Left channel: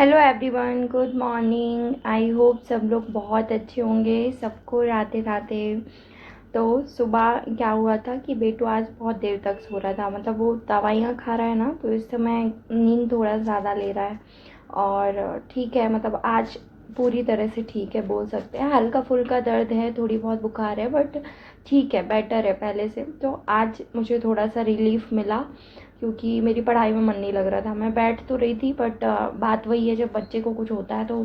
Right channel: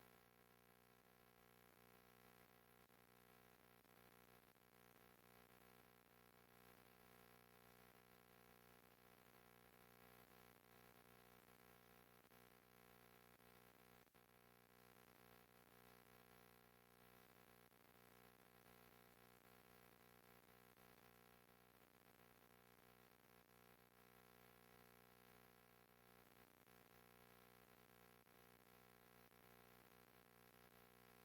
Hello everyone, good morning. I hope सब लोग बहुत अच्छे होंगे। सबको राधे राधे। तो सुबह क्या हुआ था कि बेटू आज बहुत देर तक सो रहा था। मतलब वो दवाइयाँ खा रहा है ना, तो इस समय नींद थोड़ा ज़्यादा ले रहा है। और ठीक है, मतलब आज पूरी तरह से ठीक है बोल सकते हैं। हल्का फुल्का दर्द है, थोड़ी बहुत बुखार है, बट ठीक है, बेटर है पहले से। तो आज मुझे थोड़ा सा रिलीफ मिला क्योंकि मेरी पढ़ाई में मन नहीं लग रहा था। मैं बैठ तो रही थी, बट बात वही है, जब बच्चे को कुछ होता है तो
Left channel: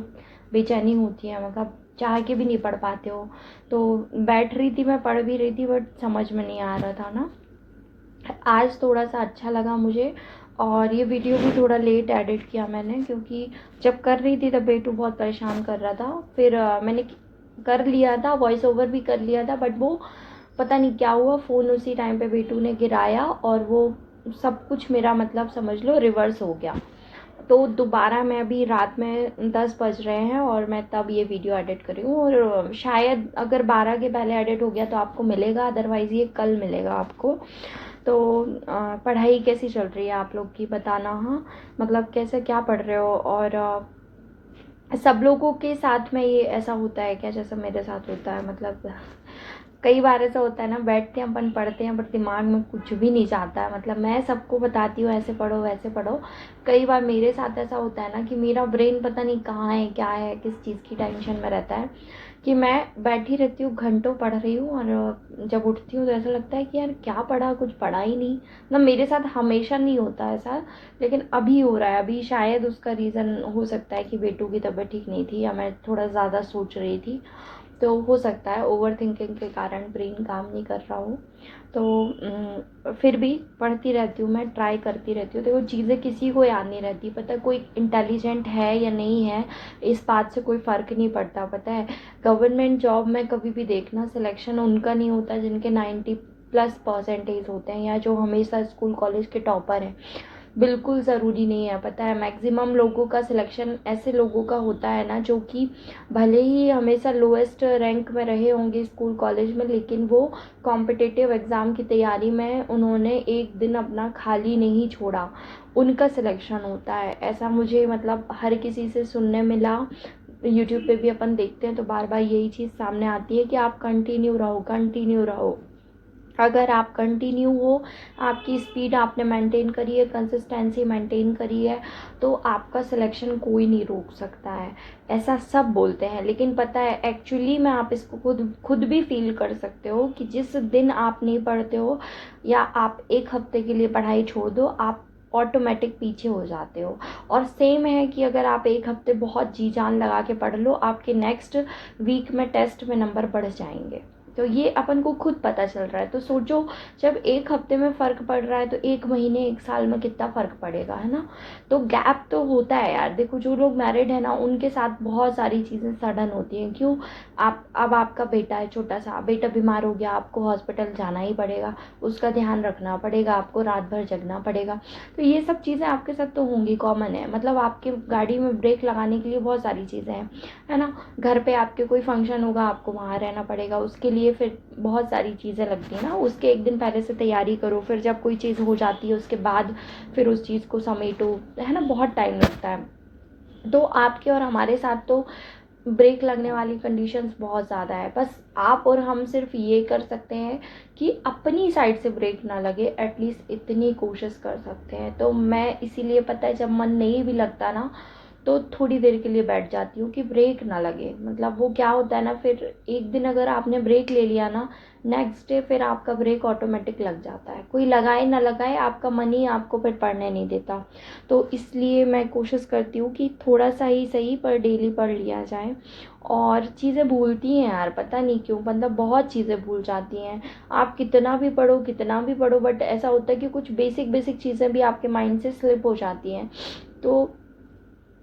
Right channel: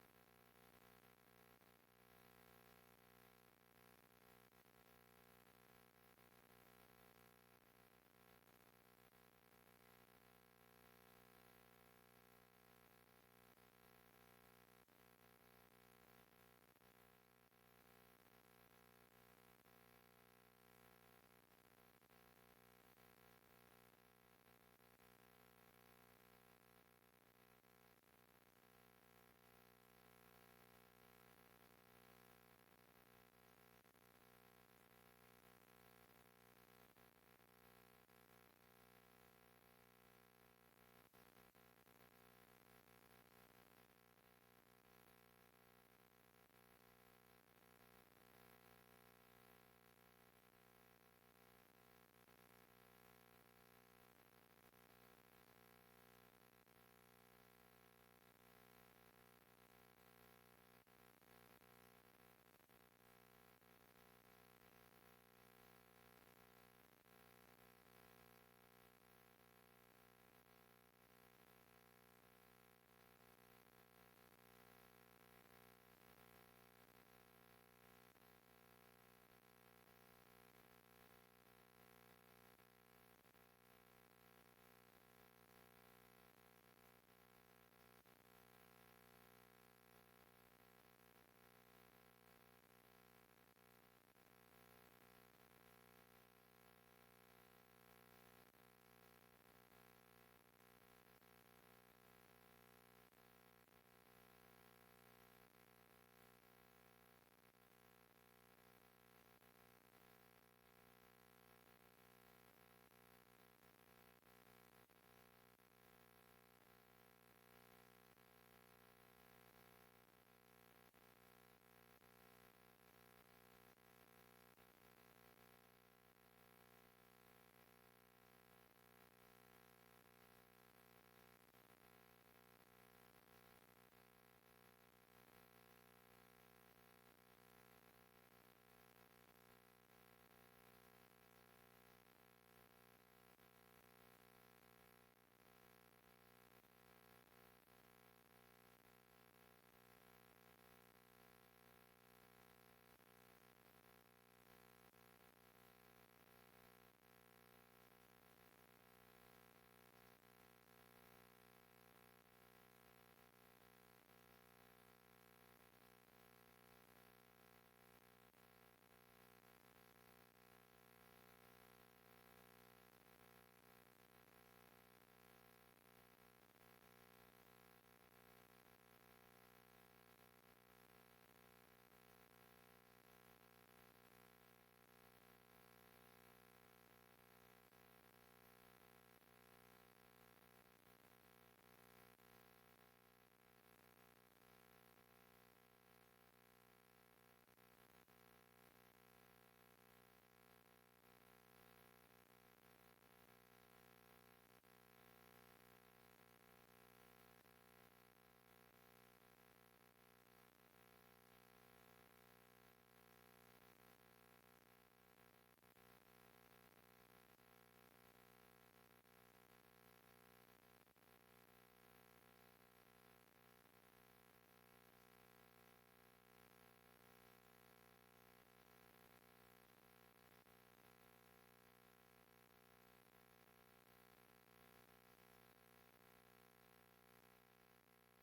बेचैनी होती है। मतलब चाह के भी नहीं पढ़ पाते हो। तो बैठ रही थी, मैं पढ़ भी रही थी, बट समझ में नहीं आ रहा था ना। आज थोड़ा सा अच्छा लगा मुझे। और ये वीडियो भी थोड़ा लेट एडिट किया मैंने, क्योंकि जब कर रही थी तब बेटू बहुत परेशान कर रहा था। फिर मैंने कर लिया था, वॉइस ओवर भी कर लिया था, बट वो पता नहीं क्या हुआ, फ़ोन उसी टाइम पे बेटू ने गिराया और वो सब कुछ मेरा मतलब समझ लो रिवर्स हो गया। तो दोबारा मैं अभी रात में 10 बज रहे हैं और मैं तब ये वीडियो एडिट कर रही हूँ। और शायद अगर 12 के पहले एडिट हो गया तो आपको मिलेगा, अदरवाइज़ ये कल मिलेगा आपको। तो पढ़ाई कैसी चल रही है आप लोग की, बताना। हाँ, मतलब कैसे क्या पढ़ रहे हो। और सब लोगों के साथ में ये ऐसा होता है क्या जैसा मेरे साथ होता है? मतलब कई बार ऐसा होता है ना, बैठते हैं अपन पढ़ते हैं, बट दिमाग में कुछ भी नहीं जाता है। मतलब मैं सबको बताती हूँ ऐसे पढ़ो वैसे पढ़ो। कई बार मेरे साथ ऐसा होता है ना कि मेरा ब्रेन पता नहीं कहाँ है, क्या है, किस चीज़ की टेंशन में रहता है, कि मैं बैठी रहती हूँ, घंटों पढ़ रही हूँ, और जब उठती हूँ तो ऐसा लगता है कि यार क्या पढ़ा, कुछ पढ़ा ही नहीं। मतलब मेरे साथ हमेशा नहीं होता ऐसा, लेकिन अभी हो रहा है। अभी शायद उसका रीज़न हो सकता है कि बेटू की तबीयत ठीक नहीं थी, या मैं थोड़ा ज़्यादा सोच रही थी, तो हो सकता है ओवर थिंकिंग के कारण ब्रेन काम नहीं कर रहा हो। तो फिर भी पढ़ती रहती हूँ, मैं ट्राई करती रहती हूँ। देखो, चीज़ें किसी को याद नहीं रहती, पता है कोई इंटेलिजेंट है या नहीं है, इस बात से कोई फ़र्क नहीं पड़ता। पता है, गवर्नमेंट जॉब में कभी भी देखना, सिलेक्शन उनका नहीं होता जिनके 90+ परसेंटेज होते हैं, या जो हमेशा स्कूल कॉलेज के टॉपर हैं। बिल्कुल ज़रूरी नहीं है। पता है, मैक्सिमम लोगों का सिलेक्शन ऐसे लोगों का होता है ना, जो कि भले ही हमेशा लोएस्ट रैंक में रहे होंगे स्कूल कॉलेज में, लेकिन वो कॉम्पिटिटिव एग्ज़ाम की तैयारी में उन्होंने एक दिन अपना खाली नहीं छोड़ा, उनका सिलेक्शन होता है। ऐसा मुझे मतलब हर किसी से सुनने मिला। यूट्यूब पे भी अपन देखते हैं तो बार बार यही चीज़ सामने आती है कि आप कंटिन्यू रहो, कंटिन्यू रहो। अगर आप कंटिन्यू हो, आपकी स्पीड आपने मेंटेन करी है, कंसिस्टेंसी मेंटेन करी है, तो आपका सिलेक्शन कोई नहीं रोक सकता है। ऐसा सब बोलते हैं, लेकिन पता है एक्चुअली में आप इसको खुद खुद भी फील कर सकते हो कि जिस दिन आप नहीं पढ़ते हो, या आप एक हफ्ते के लिए पढ़ाई छोड़ दो, आप ऑटोमेटिक पीछे हो जाते हो। और सेम है कि अगर आप एक हफ्ते बहुत जी जान लगा के पढ़ लो, आपके नेक्स्ट वीक में टेस्ट में नंबर बढ़ जाएंगे। तो ये अपन को खुद पता चल रहा है। तो सोचो, जब एक हफ्ते में फ़र्क पड़ रहा है तो एक महीने एक साल में कितना फ़र्क पड़ेगा, है ना। तो गैप तो होता है यार। देखो, जो लोग मैरिड है ना, उनके साथ बहुत सारी चीज़ें सडन होती हैं। क्यों? आप अब आपका बेटा है, छोटा सा बेटा बीमार हो गया, आपको हॉस्पिटल जाना ही पड़ेगा, उसका ध्यान रखना पड़ेगा, आपको रात भर जगना पड़ेगा। तो ये सब चीज़ें आपके साथ तो होंगी, कॉमन है। मतलब आपके गाड़ी में ब्रेक लगाने के लिए बहुत सारी चीज़ें हैं, है ना। घर पे आपके कोई फंक्शन होगा, आपको वहाँ रहना पड़ेगा, उसके लिए फिर बहुत सारी चीज़ें लगती हैं ना। उसके एक दिन पहले से तैयारी करो, फिर जब कोई चीज़ हो जाती है उसके बाद फिर उस चीज़ को समेटो, है ना, बहुत टाइम लगता है। तो आपके और हमारे साथ तो ब्रेक लगने वाली कंडीशंस बहुत ज़्यादा है। बस आप और हम सिर्फ ये कर सकते हैं कि अपनी साइड से ब्रेक ना लगे, एटलीस्ट इतनी कोशिश कर सकते हैं। तो मैं इसीलिए, पता है, जब मन नहीं भी लगता ना, तो थोड़ी देर के लिए बैठ जाती हूँ कि ब्रेक ना लगे। मतलब वो क्या होता है ना, फिर एक दिन अगर आपने ब्रेक ले लिया ना, नेक्स्ट डे फिर आपका ब्रेक ऑटोमेटिक लग जाता है। कोई लगाए ना लगाए, आपका मन ही आपको फिर पढ़ने नहीं देता। तो इसलिए मैं कोशिश करती हूँ कि थोड़ा सा ही सही पर डेली पढ़ लिया जाए। और चीज़ें भूलती हैं यार, पता नहीं क्यों, मतलब बहुत चीज़ें भूल जाती हैं। आप कितना भी पढ़ो, कितना भी पढ़ो, बट ऐसा होता है कि कुछ बेसिक बेसिक चीज़ें भी आपके माइंड से स्लिप हो जाती हैं। तो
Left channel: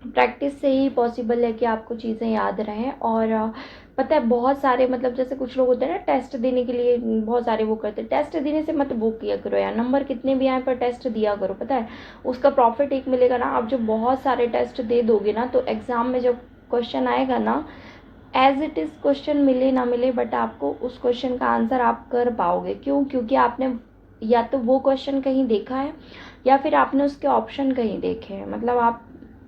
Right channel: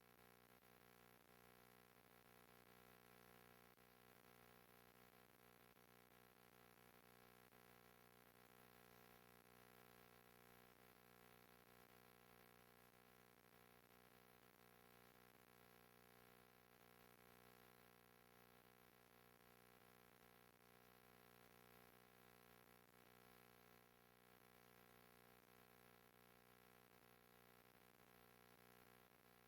प्रैक्टिस से ही पॉसिबल है कि आपको चीज़ें याद रहें। और पता है, बहुत सारे, मतलब जैसे कुछ लोग होते हैं ना, टेस्ट देने के लिए बहुत सारे वो करते हैं। टेस्ट देने से मत वो किया करो यार, नंबर कितने भी आए पर टेस्ट दिया करो। पता है, उसका प्रॉफिट एक मिलेगा ना। आप जब बहुत सारे टेस्ट दे दोगे ना, तो एग्ज़ाम में जब क्वेश्चन आएगा ना, एज इट इज़ क्वेश्चन मिले ना मिले, बट आपको उस क्वेश्चन का आंसर आप कर पाओगे। क्यों? क्योंकि आपने या तो वो क्वेश्चन कहीं देखा है, या फिर आपने उसके ऑप्शन कहीं देखे हैं। मतलब आप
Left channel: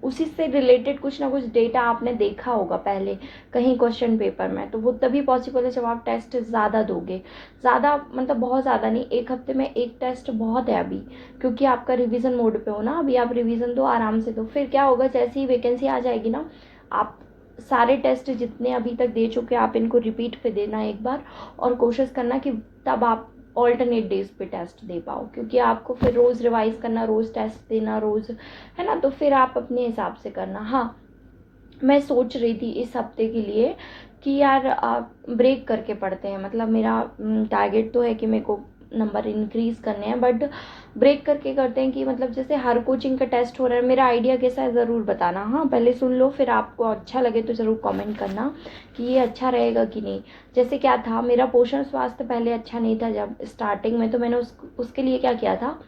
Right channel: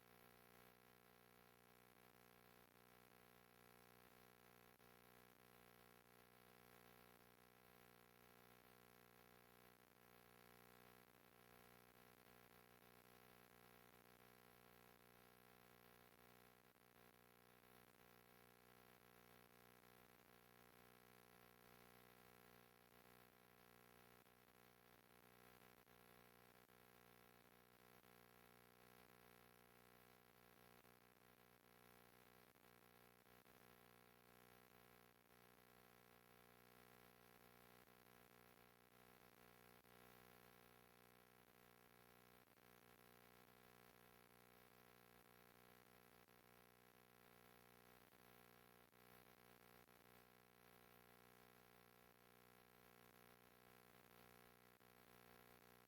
उसी से रिलेटेड कुछ ना कुछ डेटा आपने देखा होगा पहले कहीं क्वेश्चन पेपर में, तो वो तभी पॉसिबल है जब आप टेस्ट ज़्यादा दोगे। ज़्यादा मतलब बहुत ज़्यादा नहीं, 1 हफ्ते में 1 टेस्ट बहुत है अभी, क्योंकि आपका रिवीजन मोड पे हो ना अभी, आप रिवीजन दो, आराम से दो। फिर क्या होगा, जैसे ही वैकेंसी आ जाएगी ना, आप सारे टेस्ट जितने अभी तक दे चुके आप इनको रिपीट पे देना एक बार, और कोशिश करना कि तब आप ऑल्टरनेट डेज पे टेस्ट दे पाओ, क्योंकि आपको फिर रोज़ रिवाइज करना, रोज़ टेस्ट देना, रोज़, है ना, तो फिर आप अपने हिसाब से करना। हाँ, मैं सोच रही थी इस हफ्ते के लिए कि यार ब्रेक करके पढ़ते हैं, मतलब मेरा टारगेट तो है कि मेरे को नंबर इंक्रीज़ करने हैं, बट ब्रेक करके करते हैं कि मतलब जैसे हर कोचिंग का टेस्ट हो रहा है, मेरा आइडिया कैसा है ज़रूर बताना। हाँ, पहले सुन लो, फिर आपको अच्छा लगे तो ज़रूर कमेंट करना कि ये अच्छा रहेगा कि नहीं। जैसे क्या था, मेरा पोषण स्वास्थ्य पहले अच्छा नहीं था जब स्टार्टिंग में, तो मैंने उसके लिए क्या किया था,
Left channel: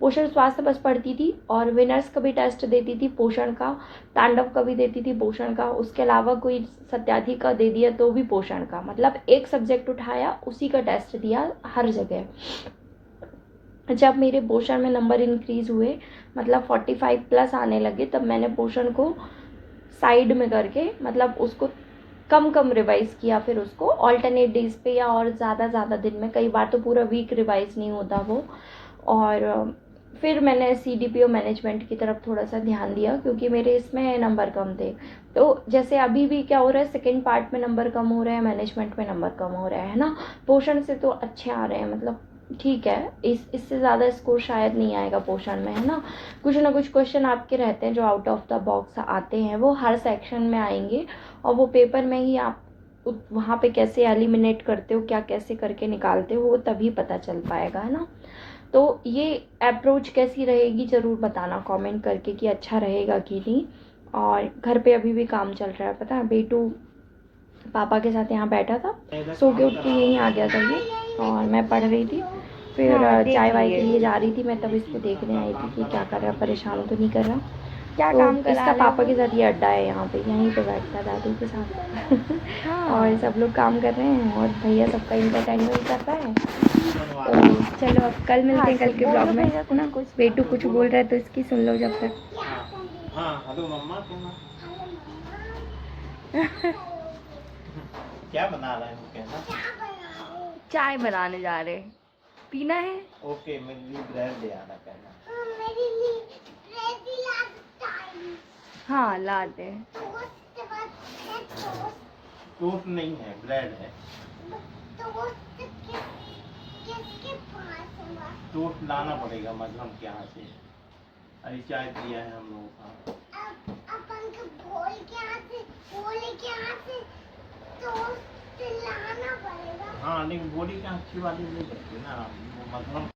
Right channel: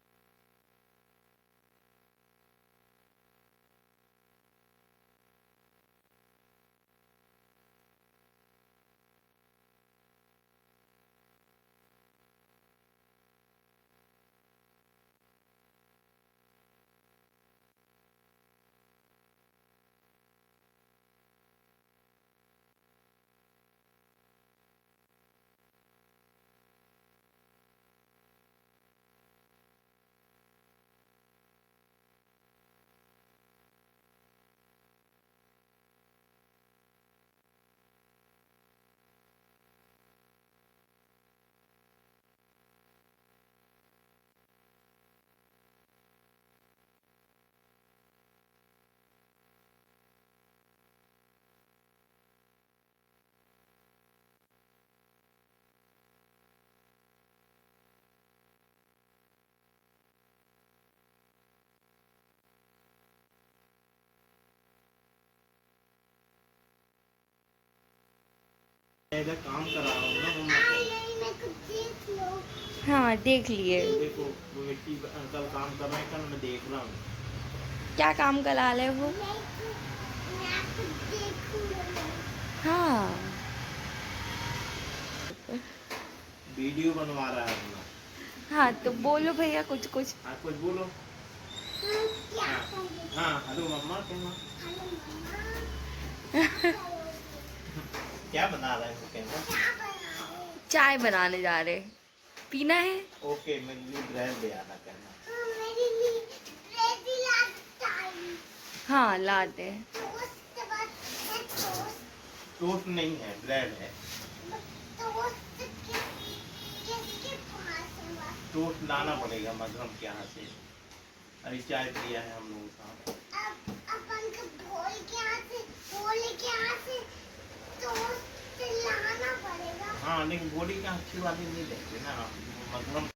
पोषण स्वास्थ्य बस पढ़ती थी, और विनर्स का भी टेस्ट देती थी पोषण का, तांडव का भी देती थी पोषण का, उसके अलावा कोई सत्यार्थी का दे दिया तो भी पोषण का, मतलब एक सब्जेक्ट उठाया उसी का टेस्ट दिया हर जगह। जब मेरे पोषण में नंबर इंक्रीज़ हुए, मतलब 45 प्लस आने लगे, तब मैंने पोषण को साइड में करके, मतलब उसको कम कम रिवाइज़ किया, फिर उसको ऑल्टरनेट डेज पे या और ज़्यादा दिन में, कई बार तो पूरा वीक रिवाइज़ नहीं होता वो। और फिर मैंने CDPO मैनेजमेंट की तरफ थोड़ा सा ध्यान दिया, क्योंकि मेरे इसमें नंबर कम थे। तो जैसे अभी भी क्या हो रहा है, सेकंड पार्ट में नंबर कम हो रहे हैं, मैनेजमेंट में नंबर कम हो रहा है ना। पोषण से तो अच्छे आ रहे हैं, मतलब ठीक है, इससे ज़्यादा स्कोर शायद नहीं आएगा पोषण में, है ना। कुछ ना कुछ क्वेश्चन आपके रहते हैं जो आउट ऑफ द बॉक्स आते हैं, वो हर सेक्शन में आएंगे, और वो पेपर में ही आप वहाँ पे कैसे एलिमिनेट करते हो, क्या कैसे करके निकालते हो, वो तभी पता चल पाएगा, है ना। तो ये अप्रोच कैसी रहेगी ज़रूर बताना कमेंट करके कि अच्छा रहेगा कि नहीं। और घर पे अभी भी काम चल रहा है, पता है, बेटू पापा के साथ यहाँ बैठा था, सो के उठ के यहीं आ गया था ये, और मैं पढ़ रही थी, फिर हाँ, देख चाय वाय के लिए लिए जा रही थी मैं, तब इसको देखने आई थी कि क्या कर रहा है, परेशान तो नहीं कर रहा। क्या तो काम इसका करा ले पापा वो। के साथ ये अड्डा है, यहाँ पे यहीं पे बैठता है दादी के साथ और हाँ, सब लोग काम कर रहे हैं, और भैया सबका इंटरटेनमेंट कर रहा है। तो चलो अब कल मिलते हाँ, हैं, तो कल के ब्लॉग बोलो में, भैया है कुछ ना। कुछ। बेटू कुछ बोल रहा है तो इसकी सुन लो जब तक। हाँ हेलो मम्मा कहना। क्या बना रहा है वो कहना। चाय बनाने जा रहे, पीना है। ओके मेरे लिए ब्रेड ले आना कहना। हाँ, लाते हैं। टोस्ट नहीं है ब्रेड है। टोस्ट लाना पड़ेगा मधुरम के यहाँ से, अभी चाय पिया है हम लोगों का। हाँ लेकिन बॉडी का अच्छी वाली नहीं लगती ना, मधुरम